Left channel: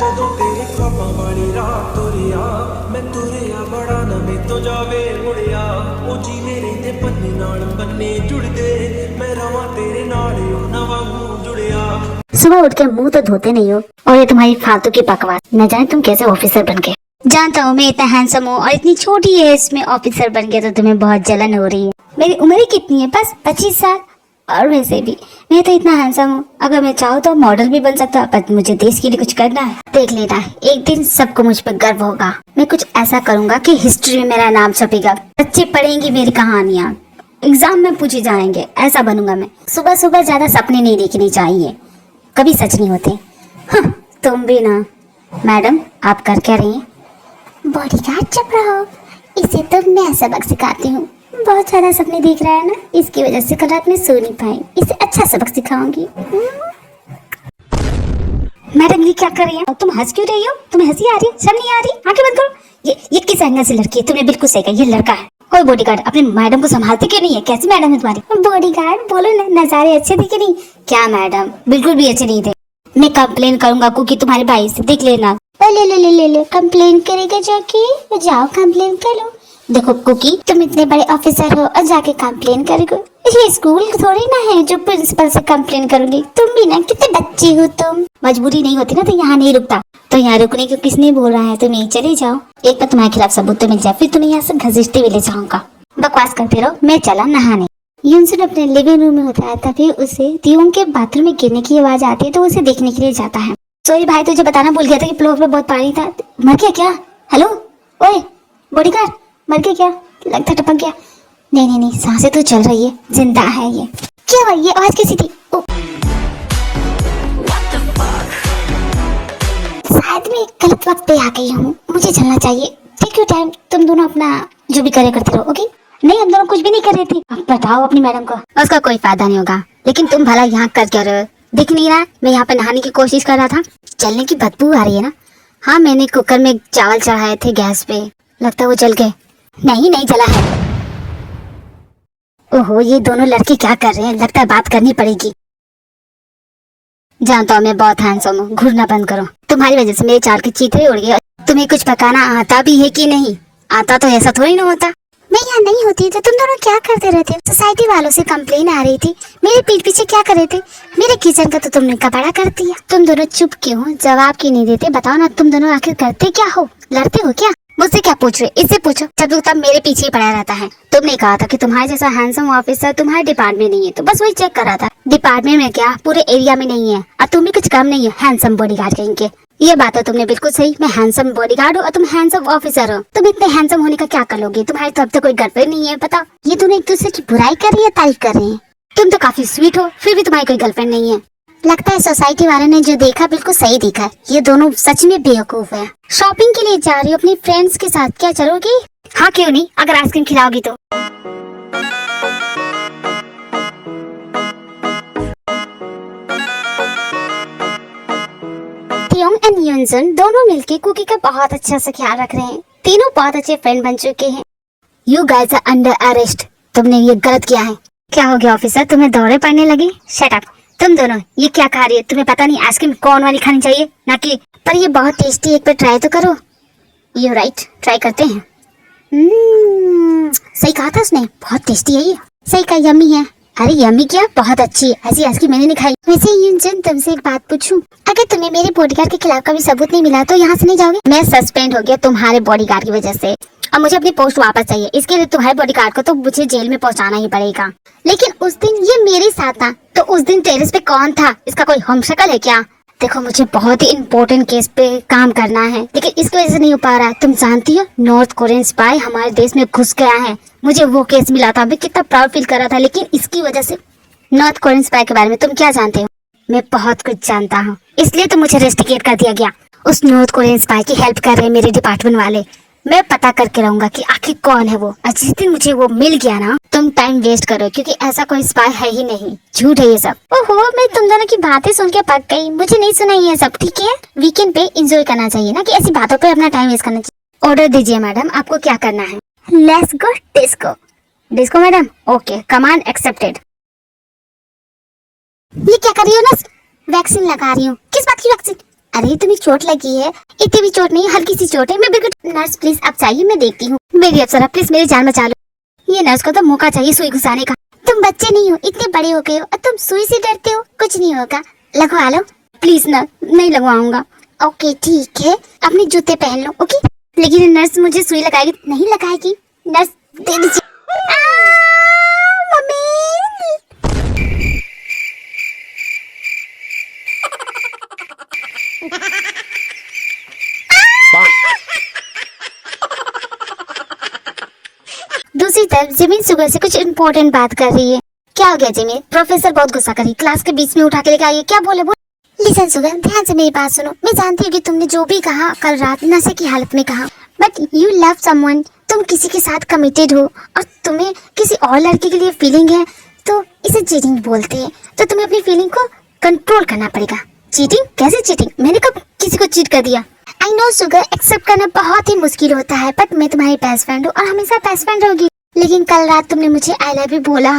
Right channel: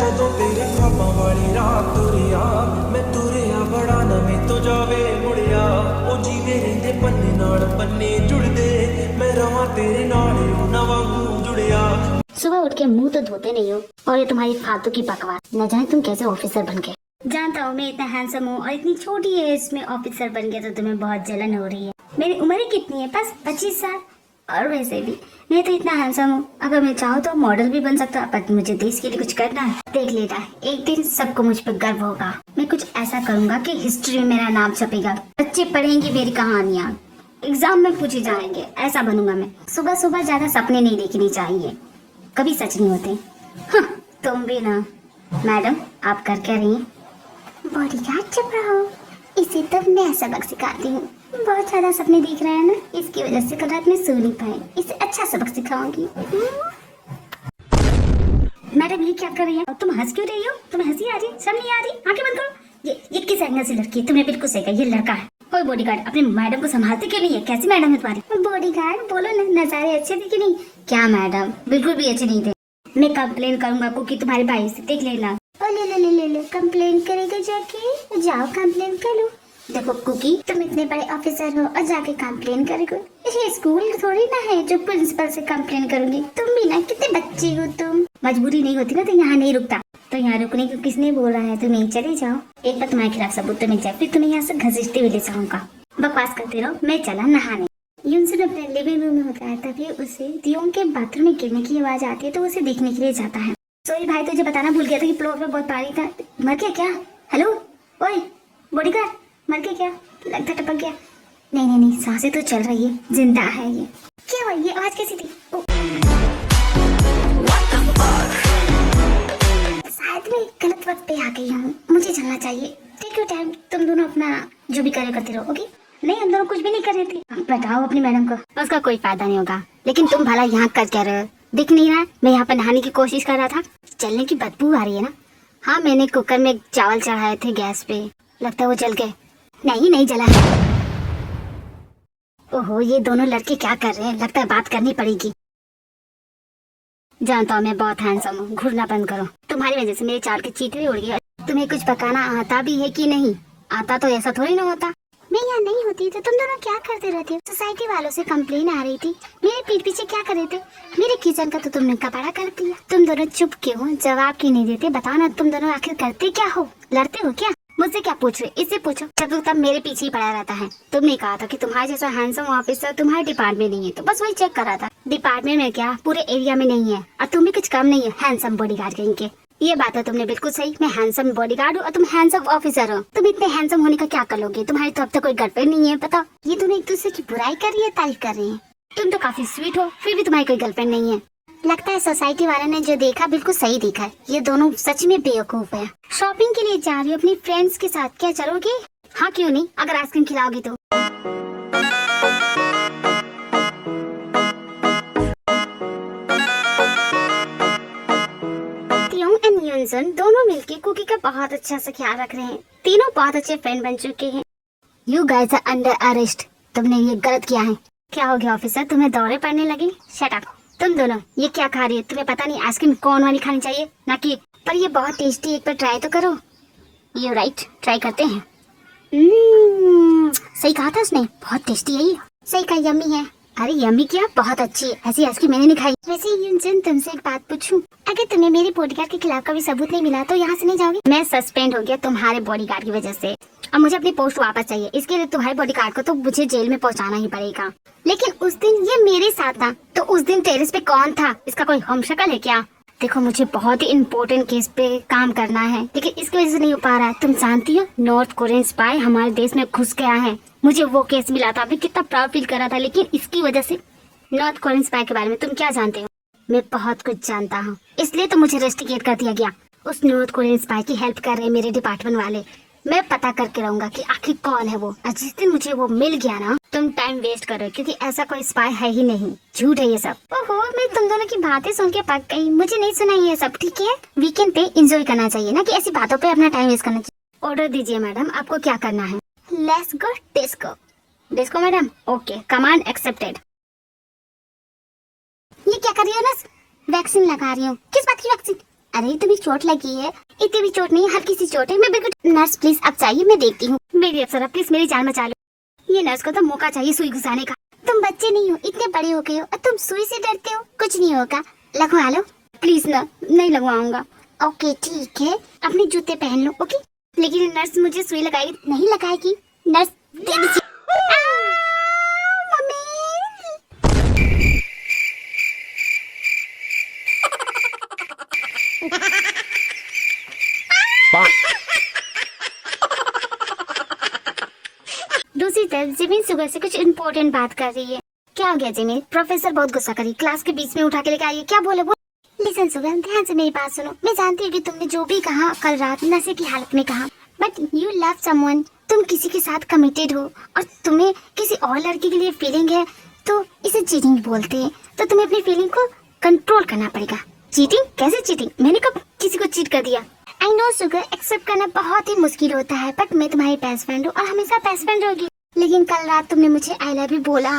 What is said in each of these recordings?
ਜਦੋਂ ਤੇਰੇ ख्वाबां वाली रात तुरिया मैं तुरिया बड़ा ना मैं तो जावे मुड़िया ओ जीवे रहिंदे पन्ने नाल पन्ने जुड़दे मैं रवां तेरे नाल ओ ना वांगू जुड़िया। सुबह उठ के मुंह तो धोते नहीं हो और ये तुम्हारी फालतू की बकवास, न जाने तुम कैसे ऑफिसर बन गए। जानता हूँ मैं इतना हैंडसम हूँ और इतनी छोटी एज में ऑफिसर बन गया तो तुम्हें बहुत जलन हो रही है। मेरी उम्र ही कितनी है, बस 25 साल। और वैसे भी मैं तो इतना हैंडसम हूँ, अगर मैं चाहूँ तो मॉडल भी बन सकता, पर मुझे देश के लिए कुछ करना है। देख लेना, एक दिन सबको मुझ पर गर्व होगा। मैं कुछ ऐसा करूँगा कि हिस्ट्री में मेरा नाम छपेगा, बच्चे पढ़ेंगे मेरी कहानियाँ, एग्जाम में पूछे जाएंगे। ऐसा बनूंगा मैं। सुबह सुबह ज्यादा सपने नहीं देखने चाहिए, कभी सच नहीं होते। हाँ, तुम भी ना। मैडम आप कर क्या रही हैं? बॉडीगार्ड चुप रहो, इसे तो मैं सबक सिखाती हूँ। बहुत ज्यादा सपने देख रहा है ना, इसकी वजह से कल रात में सो नहीं पाई। इसे अच्छा सबक सिखाऊंगी। मैडम ये क्या कर रही है? तुम हंस क्यों रही हो? तुम्हें हंसी आ रही है? शर्म नहीं आ रही? आंखें बंद करो। ये किस एंगल से लड़की है? तुमने बिल्कुल सही कहा, ये लड़का है। कोई बॉडीगार्ड अपने मैडम को संभालते क्यों नहीं है? कैसी मैडम है तुम्हारी? बॉडीगार्ड बोलो ना, नजारे अच्छे थे कि नहीं? क्या मैडम, बिल्कुल भी अच्छे नहीं थे। मैं कंप्लेन करूंगा कुकी तुम्हारे भाई से, देख लेना। ले कंप्लेन करेगा जाके? जाओ कंप्लेन कर लो। देखो कुकी, तुम इतने बड़े ऑफिसर हो और जाके कंप्लेन करोगे? ये स्कूल थोड़ी ना है जो प्रिंसिपल से कंप्लेन करोगी। तुम भी ना कितने बच्ची हो तुम। मजबूरी नहीं होती ना तो यहाँ नहीं रुकता। तो यहाँ रुकने को किसने बोल रहा है? तुम यहीं चले जाओ, एक बार तुम्हारे खिलाफ सबूत तो मिल जाए, फिर तुम्हें यहाँ से घसीटते हुए ले जाऊंगा। बकवास करते रहो, मैं चला नहाने। यूनसन अपने लिविंग रूम में होता है, तभी उसे दियों के बाथरूम में गिरने की आवाज आती है तो उसे देखने के लिए जाता है। सॉरी भाई, तुझे बताना भूल गया था कि फ्लोर पे बहुत पानी था। मर गया क्या? हेलो ओए बॉडीगार्ड, मर गया क्या? लगता टपक गया। नहीं, सांसें तो चल रही है, जिंदा है ये। क्या हुआ? ये आवाज कैसी थी? शायद मैं गलत वक्त पे आ गई हूँ, मुझे चलना चाहिए। टेक योर टाइम, तुम दोनों अपना जो भी करे करते रहो, ओके? नहीं, हम दोनों कुछ भी नहीं कर रहे थे। अब बताओ अपनी मैडम को। उसका कोई फायदा नहीं होगा, लेकिन तुम भला यहाँ कर क्या रहे हो? देख नहीं रहा मैं यहाँ पे नहाने की कोशिश कर रहा था? जलने की बदबू आ रही है ना? हाँ, मैंने कुकर में चावल चढ़ाए थे गैस पे, लगता है वो जल गए। नहीं जला है। ओहो, ये दोनों लड़के क्या कर रहे हैं? लगता है बात करनी पड़ेगी। जानता हूँ मैं बहुत हैंडसम हूँ, घूरना बंद करो। तुम्हारी वजह से मेरे चार के चीथड़े उड़ गए। तुम्हें कुछ पकाना आता भी है कि नहीं? आता तो ऐसा थोड़ी ना होता। मैं यहाँ नहीं होती तो तुम दोनों क्या करते रहते हो? सोसाइटी वालों से कंप्लेन आ रही थी, मेरे पीठ पीछे क्या कर रहे थे? मेरे किचन का तो तुमने कबाड़ा कर दिया। तुम दोनों चुप क्यों हो? जवाब क्यों नहीं देते? बताओ ना, तुम दोनों आखिर करते क्या हो? लड़ते हो क्या? मुझसे क्या पूछ रहे? इससे पूछो, जब तक मेरे पीछे ही पड़ा रहता है। तुमने कहा था कि तुम्हारे जैसा हैंडसम ऑफिसर तुम्हारे डिपार्टमेंट नहीं है, तो बस वही चेक कर रहा था। डिपार्टमेंट में क्या, पूरे एरिया में नहीं है। और तुम भी कुछ कम नहीं है हैंडसम बॉडीगार्ड कहीं के। ये बात है तुमने बिल्कुल सही। मैं हैंडसम बॉडीगार्ड हूँ और तुम हैंडसम ऑफिसर हो। तुम इतने हैंडसम होने का क्या कर लोगे? तुम्हारी तो अब तक कोई गर्लफ्रेंड नहीं है, पता? ये दोनों एक दूसरे की बुराई कर रही है, तारीफ कर रही है। तुम तो काफी स्वीट हो, फिर भी तुम्हारी कोई गर्लफ्रेंड नहीं है। लगता है सोसाइटी वालों ने जो देखा बिल्कुल सही देखा। ये दोनों सच में बेवकूफ है। शॉपिंग के लिए जा रही हो अपनी फ्रेंड्स के साथ, क्या चलोगी? हाँ क्यों नहीं, अगर आइसक्रीम खिलाओगी तो। थियोंग एंड यूनसन दोनों मिलके कुकी का बहुत अच्छा से ख्याल रख रहे हैं। तीनों बहुत अच्छे फ्रेंड बन चुके हैं। You guys are under arrest. तुमने ये गलत किया है। क्या हो गया ऑफिसर, तुम्हें दौरे पड़ने लगी? Shut up. तुम दोनों ये क्या खा रही है? तुम्हें पता नहीं आइसक्रीम कौन वाली खानी चाहिए ना कि? पर ये बहुत टेस्टी, एक बार ट्राई तो करो। यू राइट, ट्राई करते हैं। सही कहा था उसने, बहुत टेस्टी है ये। सही कहा, यम्मी है। अरे यम्मी क्या, बहुत अच्छी है। ऐसी आइसक्रीम मैंने नहीं खाई। वैसे यूनसन, तुमसे एक बात पूछूं? अगर तुम्हें मेरे बॉडीगार्ड के खिलाफ कभी सबूत नहीं मिला तो यहाँ से नहीं जाओगे? मैं सस्पेंड हो गया तुम्हारे बॉडीगार्ड की वजह से। अब मुझे अपनी पोस्ट वापस चाहिए। इसके लिए तुम्हारे बॉडीगार्ड को तो मुझे जेल में पहुंचाना ही पड़ेगा। लेकिन उस दिन ये मेरे साथ था, तो उस दिन टेरेस पे कौन था? इसका कोई हमशक्ल है क्या? देखो, मुझे बहुत ही इम्पोर्टेंट केस पे काम करना है, लेकिन इसकी वजह से नहीं हो पा रहा। तुम जानती हो नॉर्थ कोरियन स्पाई हमारे देश में घुस गया है। मुझे वो केस मिला था, मैं कितना प्राउड फील कर रहा था, लेकिन इसकी वजह से। नॉर्थ कोरियन स्पाई के बारे में तुम क्या जानते हो? मैं बहुत कुछ जानता हूँ, इसलिए तो मुझे रेस्टिकेट कर दिया गया। उस नॉर्थ कोरियन स्पाई की हेल्प कर रहे मेरे डिपार्टमेंट वाले। मैं पता करके रहूंगा कि आखिर कौन है वो। और जिस दिन मुझे वो मिल गया ना, तुम टाइम वेस्ट करो, क्योंकि ऐसा कोई स्पाई है ही नहीं। झूठ है ये सब। ओहो, मैं तुम दोनों की बातें सुन के पक गई। मुझे नहीं सुना ये सब, ठीक है? वीकेंड पे एंजॉय करना चाहिए ना कि ऐसी बातों पे अपना टाइम वेस्ट करना चाहिए। ऑर्डर दीजिए मैडम, आपको क्या करना है? Let's go disco. Disco madam? Okay, command accepted. ये क्या कर रही हो ना? वैक्सीन लगा रही हूँ। किस बात की वैक्सीन? अरे तुम्हें चोट लगी है? इतनी भी चोट नहीं, हल्की सी चोट है। मैं बिल्कुल। नर्स प्लीज आप चाहिए, मैं देखती हूँ। मेरी अप्सरा प्लीज मेरी जान बचा लो। ये नर्स को तो मौका चाहिए सुई घुसाने का। तुम बच्चे नहीं हो, इतने बड़े हो गए हो और तुम सुई से डरते हो? कुछ नहीं होगा, लगवा लो प्लीज। ना नहीं लगवाऊंगा। ओके ठीक है, अपने जूते पहन लो। ओके, लेकिन नर्स मुझे सुई लगाएगी? नहीं लगाएगी। नर्स दे दीजिए। दूसरी तरफ जिमिन सुगर से कुछ इम्पोर्टेंट बात कर रही है। क्या हो गया जिमिन? प्रोफेसर बहुत गुस्सा कर रही, क्लास के बीच में उठा के लेके आई है। क्या बोले? लिसन सुगर, ध्यान से मेरी बात सुनो। मैं जानती हूँ कि तुमने जो भी कहा कल रात नशे की हालत में कहा, बट यू लव समवन। तुम किसी के साथ कमिटेड हो और तुम्हें किसी और लड़के के लिए फीलिंग है, तो इसे चीटिंग बोलते हैं। तो तुम्हें अपनी फीलिंग को कंट्रोल करना पड़ेगा। चीटिंग? कैसे चीटिंग? मैंने कब किसी को चीट कर दिया? आई नो सुगर, एक्सेप्ट करना बहुत ही मुश्किल होता है, बट मैं तुम्हारी बेस्ट फ्रेंड हूँ और हमेशा बेस्ट फ्रेंड रहोगी। लेकिन कल रात तुमने मुझे आई लव यू बोला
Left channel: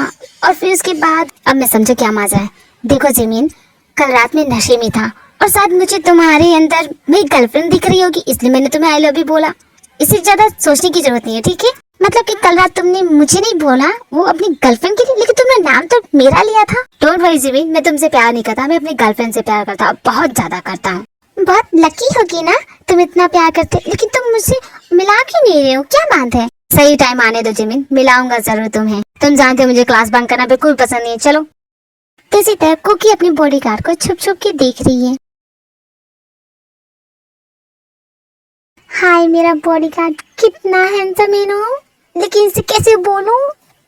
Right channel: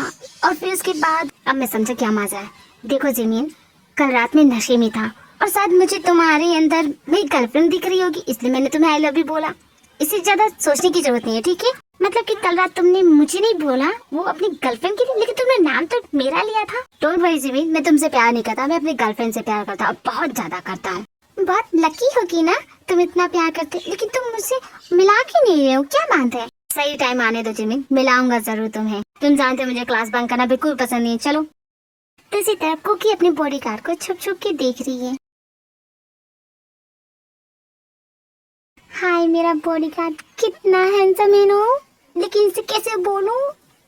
और फिर उसके बाद अब मैं समझा क्या मजा है। देखो जिमिन, कल रात में नशे में था और शायद मुझे तुम्हारे अंदर मेरी गर्लफ्रेंड दिख रही होगी, इसलिए मैंने तुम्हें आई लव यू बोला। इससे ज्यादा सोचने की जरूरत नहीं है, ठीक है? मतलब कि कल रात तुमने मुझे नहीं बोला, वो अपनी गर्लफ्रेंड के लिए, लेकिन तुमने नाम तो मेरा लिया था। डोंट वरी जिमिन, मैं तुमसे प्यार नहीं करता, मैं अपनी गर्लफ्रेंड से प्यार करता हूँ, बहुत ज्यादा करता हूँ। बहुत लकी होगी ना तुम इतना प्यार करते, लेकिन तुम मुझसे मिला क्यों नहीं रहे हो? क्या बात है? सही टाइम आने दो जिमिन, मिलाऊंगा जरूर तुम्हें। तुम जानते हो मुझे क्लास बंक करना बिल्कुल पसंद नहीं है। चलो। दूसरी तरफ कुकी अपने बॉडीगार्ड को छुप छुप के देख रही है। हाय मेरा बॉडीगार्ड, कितना हैंडसम है ना, लेकिन इसे कैसे बोलूं?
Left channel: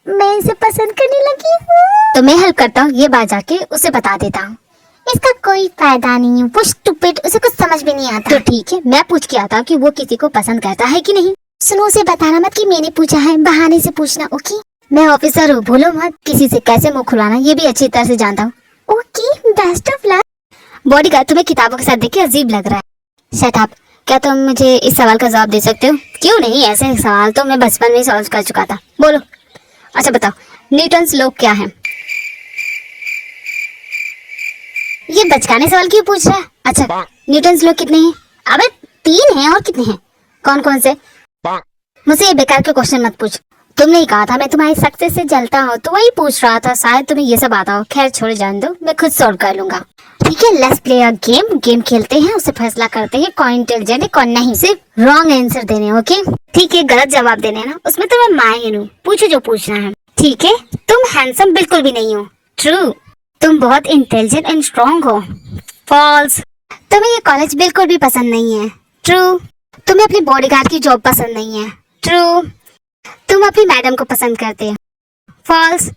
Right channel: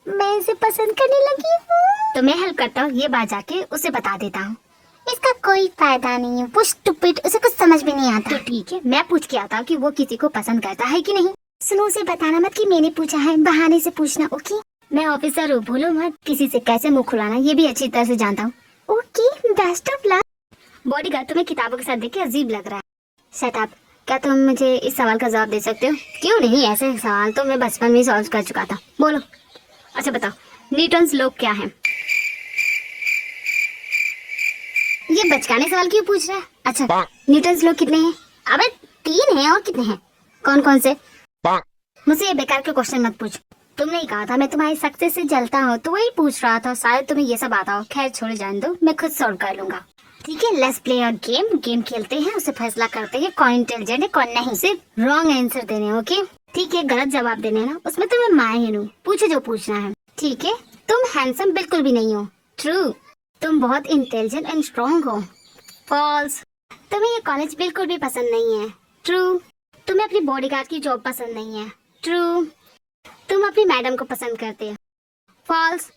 मैं इसे पसंद करने लगी हूँ। तो मैं हेल्प करता हूँ, ये बात जाके उसे बता देता हूँ। इसका कोई फायदा नहीं है, वो स्टूपिड, उसे कुछ समझ में नहीं आता। तो ठीक है, मैं पूछ के आता कि वो किसी को पसंद करता है कि नहीं। सुनो, उसे बताना मत कि मैंने पूछा है, बहाने से पूछना। ओके? मैं ऑफिसर हूँ, भूलो मत। किसी से कैसे मुंह खुलाना ये भी अच्छी तरह से जानता हूँ। Okay, best of luck. Bodyguard, तुम्हें किताबों के साथ देख के अजीब लग रहा है। Shut up. क्या तुम मुझे इस सवाल का जवाब दे सकते हो? क्यों नहीं, ऐसे सवाल तो मैं बचपन में सॉल्व कर चुका था। बोलो। अच्छा बताओ, न्यूटन्स लॉ क्या है? ये बचकाने सवाल क्यों पूछ रहा है? अच्छा, न्यूटन्स लॉ कितने हैं? अबे 3 हैं। और कितने हैं? कौन कौन से? मुझसे ये बेकार के क्वेश्चन मत पूछ। तुमने ही कहा था मैं तुम्हारी सक्सेस से जलता हूँ, तो वही पूछ रहा था। शायद तुम्हें ये सब आता हो। खैर छोड़, जान दो, मैं खुद सॉल्व कर लूंगा। ठीक है, let's play a game. Game खेलते हैं, उससे फैसला करते हैं कौन इंटेलिजेंट है कौन नहीं। सिर्फ रॉन्ग आंसर देने। ओके? ठीक है, गलत जवाब देने ना, उसमें तो मैं माहिर हूँ। पूछो जो पूछना है। ठीक है? तुम हैंडसम बिल्कुल भी नहीं हो। ट्रू। तुम बहुत इंटेलिजेंट एंड स्ट्रॉन्ग हो। फॉल्स। तुम्हें ये कॉलेज बिल्कुल भी पसंद नहीं है। ट्रू। तुम्हें अपनी बॉडीगार्ड की जॉब पसंद नहीं है। ट्रू। तुम अपनी मैडम को पसंद करते हो। फॉल्स।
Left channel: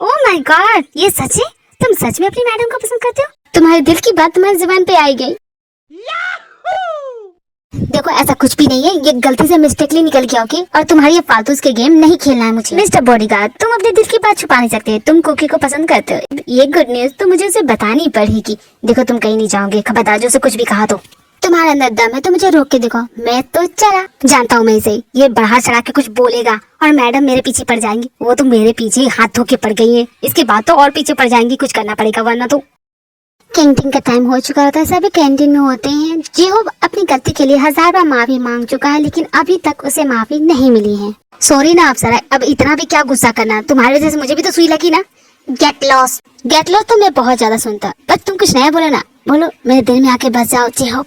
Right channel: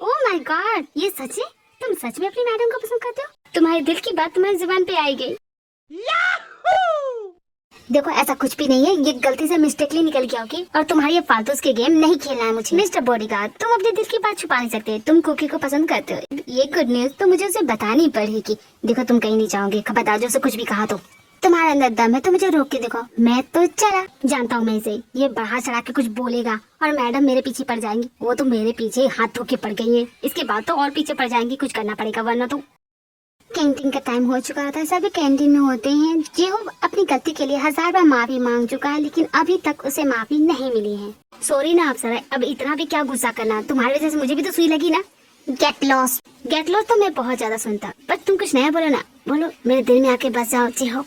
ओह माय गॉड, ये सच है? तुम सच में अपनी मैडम को पसंद करते हो? तुम्हारे दिल की बात तुम्हारी जुबान पे आई गई। देखो, ऐसा कुछ भी नहीं है, ये गलती से मिस्टेकली निकल गया। ओके? और तुम्हारी ये फालतू के गेम नहीं खेलना है मुझे। मिस्टर बॉडीगार्ड, तुम अपने दिल की बात छुपा नहीं सकते। तुम कुकी को पसंद करते हो, ये गुड न्यूज तो मुझे उसे बतानी पड़ेगी। देखो, तुम कहीं नहीं जाओगे, खबरदार जो उसे कुछ भी कहा तो। तुम्हारे अंदर दम है तो मुझे रोक के देखो। मैं तो चला जानता हूँ मैं इसे, ये बढ़ा चढ़ा के कुछ बोलेगा और मैडम मेरे पीछे पड़ जाएंगी। वो तो मेरे पीछे ही हाथ धो के पड़ गई है, इसके बाद तो और पीछे पड़ जाएंगी। कुछ करना पड़ेगा वरना तो। कैंटीन का टाइम हो चुका होता है, सभी कैंटीन में होते हैं। जिहो अपनी गलती के लिए 1000 बार माफी मांग चुका है, लेकिन अभी तक उसे माफी नहीं मिली है। सॉरी ना अप्सरा, अब इतना भी क्या गुस्सा करना, तुम्हारी वजह से मुझे भी तो सुई लगी ना। Gate loss. गेट लॉस तो मैं बहुत ज्यादा सुनता, पर तुम कुछ नया बोलो ना। बोलो, मेरे दिल में आके बस जाओ। जिहो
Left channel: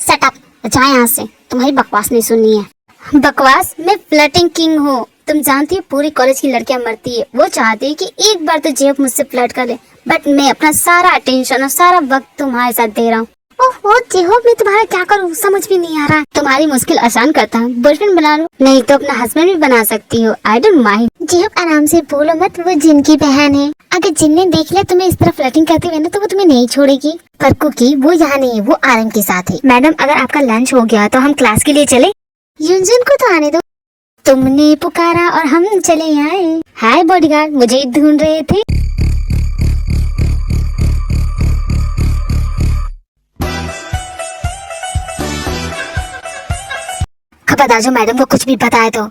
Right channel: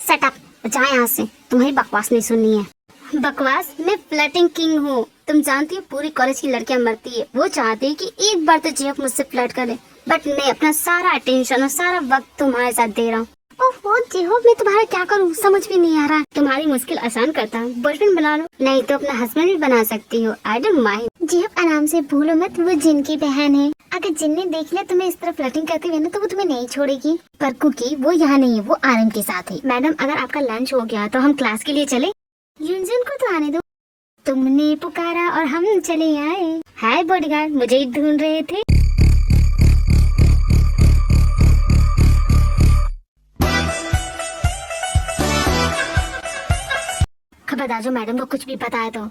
सेट अप, जाए यहाँ से, तुम्हारी बकवास नहीं सुननी है। बकवास? मैं फ्लर्टिंग किंग हूँ। तुम जानती हो पूरी कॉलेज की लड़कियां मरती है, वो चाहती है कि एक बार तो जेब मुझसे फ्लर्ट कर ले, बट मैं अपना सारा अटेंशन और सारा वक्त तुम्हारे साथ दे रहा हूँ। ओहो जेहो, मैं तुम्हारा क्या करूँ समझ में नहीं आ रहा। तुम्हारी मुश्किल आसान करता हूँ, बॉयफ्रेंड बना लो, नहीं तो अपना हस्बैंड भी बना सकती हो। I don't mind. जेहो आराम से बोलो मत, वो जिन की बहन है। अगर जिन ने देख लिया तुम्हें इस तरह फ्लर्टिंग करते हुए ना, तो वो तुम्हें नहीं छोड़ेगी। पर कुकी वो यहाँ नहीं है, वो आरम के साथ है। मैडम, अगर आपका लंच हो गया तो हम क्लास के लिए चले। युनजुन को तो आने दो। तुमने पुकारा और हम चले आए। हाय बॉडीगार्ड, मुझे ढूंढ रहे थे। बता जो मैडम को कुछ भी बताए तो।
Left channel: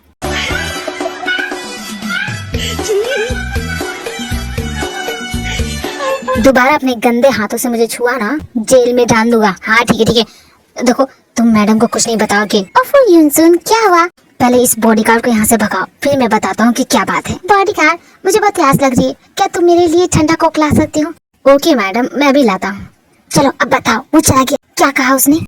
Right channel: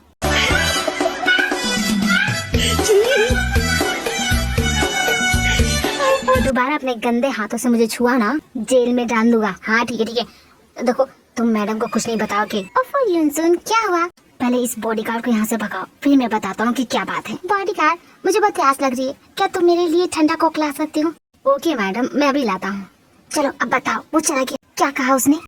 दोबारा अपने गंदे हाथों से मुझे छुआ ना, जेल में डाल दूंगा। हाँ ठीक है ठीक है। देखो तुम मैडम को कुछ नहीं बताओगे। ओफो युनसुन, क्या हुआ? पहले इस बॉडीगार्ड को यहाँ से भगाओ, फिर मैं बताता हूँ कि क्या बात है। बॉडीगार्ड, मुझे बहुत प्यास लग रही है, क्या तुम मेरे लिए ठंडा कोक ला सकती हो? ओके मैडम, मैं अभी लाता हूँ। चलो अब बताओ, वो चला गया। क्या कहा उसने?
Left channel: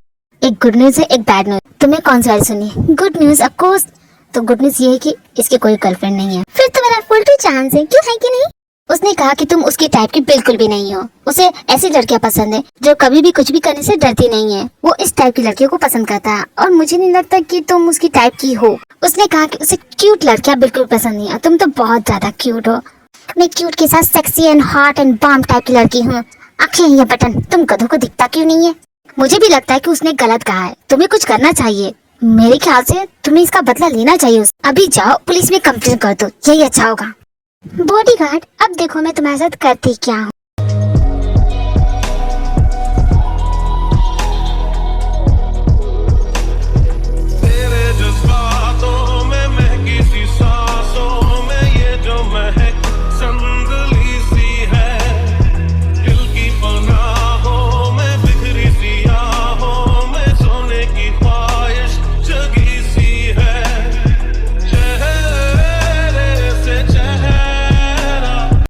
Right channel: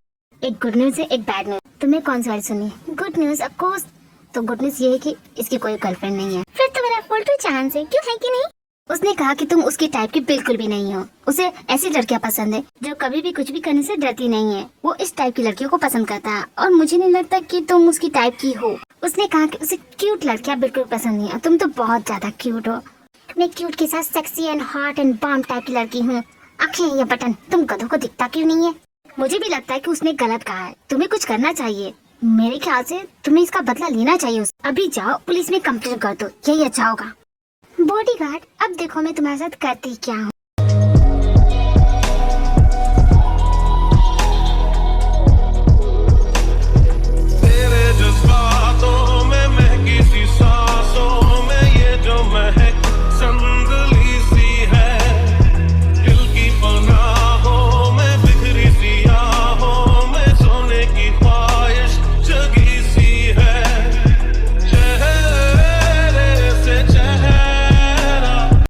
एक गुड न्यूज है, एक बैड न्यूज। तुम्हें कौन सी वाली सुनी? Good news of course. तो गुड न्यूज ये है कि इसके कोई गर्लफ्रेंड नहीं है। फिर तो मेरा फुल टू चांस है, क्यों है कि नहीं? उसने कहा कि तुम उसकी टाइप की बिल्कुल भी नहीं हो। उसे ऐसी लड़कियां पसंद है जो कभी भी कुछ भी करने से डरती नहीं है। वो इस टाइप की लड़कियों को पसंद करता है और मुझे नहीं लगता कि तुम उसकी टाइप की हो। उसने कहा कि उसे क्यूट लड़कियां बिल्कुल पसंद नहीं है। तुम तो बहुत ज्यादा क्यूट हो। मैं क्यूट के साथ sexy and hot and bomb type की लड़की हूँ। आंखें या बटन, तुम गधों को दिखता क्यों नहीं है? मुझे भी लगता है कि उसने गलत कहा है। तुम्हें कुछ करना चाहिए। मेरे ख्याल से तुम्हें इसका बदला लेना चाहिए। अभी जाओ पुलिस में कंप्लेन कर दो, यही अच्छा होगा। बॉडीगार्ड, अब देखो मैं तुम्हारे साथ करती क्या हूँ।